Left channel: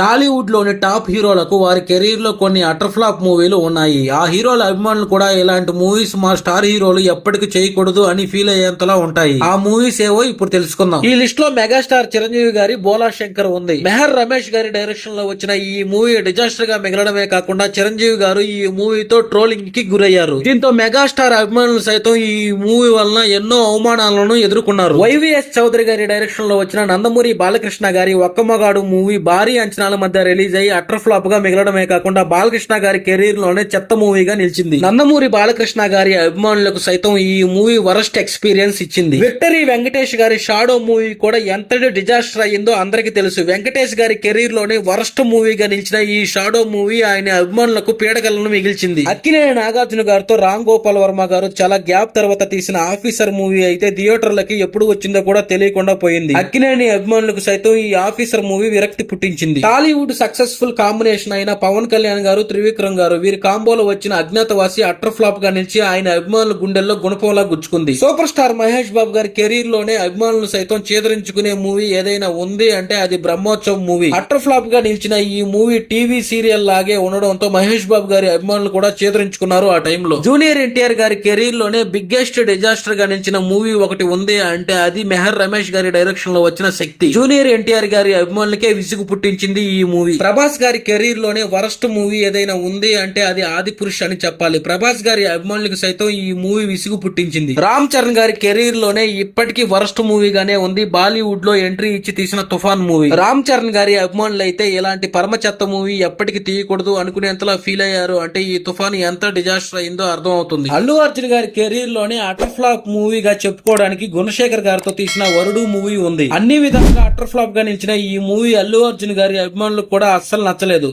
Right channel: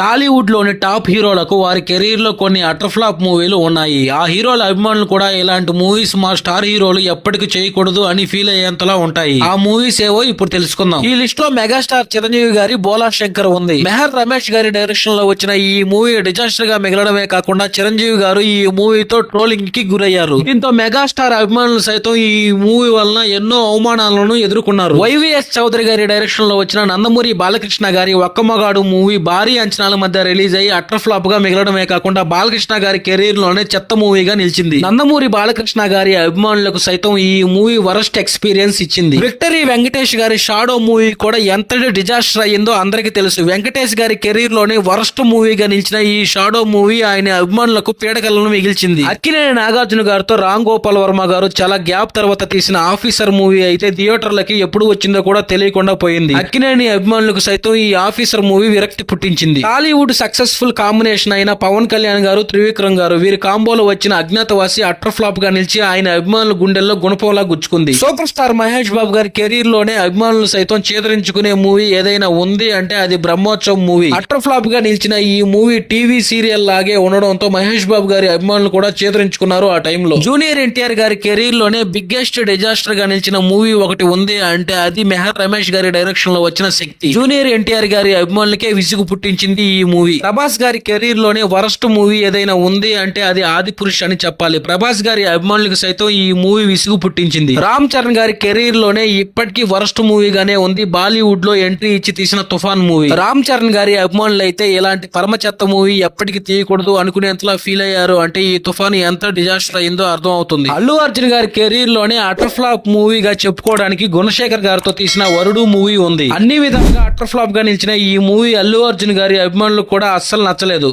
టాలీవుడ్ లోని టాప్ హీరోలకు వారి కెరీర్ లో కొన్ని అటర్ ఫ్లాప్ మూవీలు ఉన్నాయి. ఆ హీరోల అభిమానులు కూడా ఇలాంటి మూవీస్ మా స్టార్ హీరోలు ఎప్పటికీ చేయకూడదు అని ఫీల్ అయ్యేంతలా ఉంటాయి. ఆ మూవీస్ ఏవో ఇప్పుడు తెలుసుకుందాం. ఈ లిస్ట్ లో మెగాస్టార్ చిరంజీవి గారి బోలా శంకర్ ఉంది. మెహర్ రమేష్ గారి డైరెక్షన్ లో వచ్చిన ఈ మూవీ డిజాస్టర్ గా మిగలడమే కాకుండా చిరంజీవి గారు ఈ మూవీతో ట్రోలింగ్ కి గురయ్యారు. దీంతో మెగాస్టార్ అభిమానులు సైతం ఈ మూవీ వలన ఎన్నో అవమానాలను ఎదుర్కొన్నారు. వైవిఎస్ చౌదరి గారి డైరెక్షన్ లో వచ్చిన నందమూరి బాలకృష్ణ గారి ఒక్కమగాడు మూవీ భారీ అంచనా మధ్య రిలీజ్ అయ్యి అటర్ ఫ్లాప్ గా మిగలడమే కాకుండా బాలకృష్ణ గారి కెరీర్ లోనే చెత్త మూవీగా నిలిచింది. నందమూరి బాలకృష్ణ గారి అభిమానులకు సైతం ఈ మూవీ వరస్ట్ ఎక్స్పీరియన్స్ ఇచ్చింది. విక్టరీ వెంకటేష్ గారి షాడో మూవీ కూడా ఎంతటి డిజాస్టర్ అయ్యిందో అందరికీ తెలుసు. వెంకటేష్ గారి కెరీర్ లోనే వరస్ట్ మూవీగా నిలిచిన ఈ షాడో మూవీ ఆయన అభిమానులకు పీడకలను మిగిల్చింది. అక్కినేని నాగార్జున గారితో రామ్ గోపాల్ వర్మ గారు చాలా గ్యాప్ తర్వాత తీసిన ఆఫీసర్ మూవీ అయితే థియేటర్లకి ఎప్పుడు వచ్చిందో కూడా తెలియకుండా పోయింది. అక్కినేని అభిమానులకు సైతం ఈ ఆఫీసర్ మూవీ విరక్తి పుట్టించింది. టాలీవుడ్ సక్సెస్ఫుల్ కాంబినేషన్ అయిన పవన్ కళ్యాణ్ గారు, త్రివిక్రమ్ గారు వీరి కాంబోలో వచ్చిన అజ్ఞాతవాసి అటర్ ఫ్లాప్ గా నిలిచి ఆయన అభిమానుల గుండెల్లో గుణపోలా గుచ్చుకుంది. సూపర్ స్టార్ మహేష్ బాబు గారి కెరీర్ లోనే అభిమానులు సైతం చేదరించుకునే మూవీ ఏదైనా ఉంది అంటే అది బ్రహ్మోత్సవం మూవీ. అటర్ ఫ్లాప్ గా నిలిచిన ఈ మూవీ టీవీ సీరియల్ లాగే ఉండడంతో మహేష్ బాబు గారి అభిమానులు కూడా చేదరించుకున్నారు. ఆ టైంలో జూనియర్ ఎన్టీఆర్ గారి కెరీర్ లోనే బిగ్గెస్ట్ డిజాస్టర్ గా నిలిచిన మూవీ ఒకటి ఉంది అంటే అది మెహర్ రమేష్ గారి డైరెక్షన్ లో వచ్చిన శక్తి. జూనియర్ ఎన్టీఆర్ గారి అభిమానులకే విసుగు పుట్టించింది ఈ మూవీ. ప్రభాస్ గారి కెరీర్ లోనే వరస్ట్ మూవీ ఏదైనా ఉంది అంటే అది ఆది పురుష్ అని చెప్పాలి. ప్రభాస్ గారి అభిమానులకు సైతం ఈ మూవీ విసుగు పుట్టించింది. రామ్ చరణ్ గారి కెరీర్ లోనే ఇప్పటికీ వరస్ట్ మూవీగానే ఉంది బాలీవుడ్ లో ఎంట్రీ ఇచ్చి తీసిన తుఫాన్ మూవీ. రామ్ చరణ్ గారి అభిమానులు అయితే ఇలాంటి పరమ చెత్త మూవీ ఎప్పటికీ తీయకూడదు అనుకునేంతలా ఫీల్ అయ్యారు. అంటే ఈ తుఫాన్ ఎంత డిజాస్టర్ అయిందో అర్థం అవుతుంది. అల్లు అర్జున్ గారి కెరీర్ లోనే అటర్ ఫ్లాప్ మూవీగా చెప్పుకోవడానికి గుణశేఖర్ గారితో తీసిన వరుడు మూవీ ఉంది. అన్ని విధంగా అటర్ ఫ్లాప్ గా నిలిచిన ఈ మూవీ అల్లు అర్జున్ గారి అభిమానులకు కూడా అస్సలు నచ్చలేదు.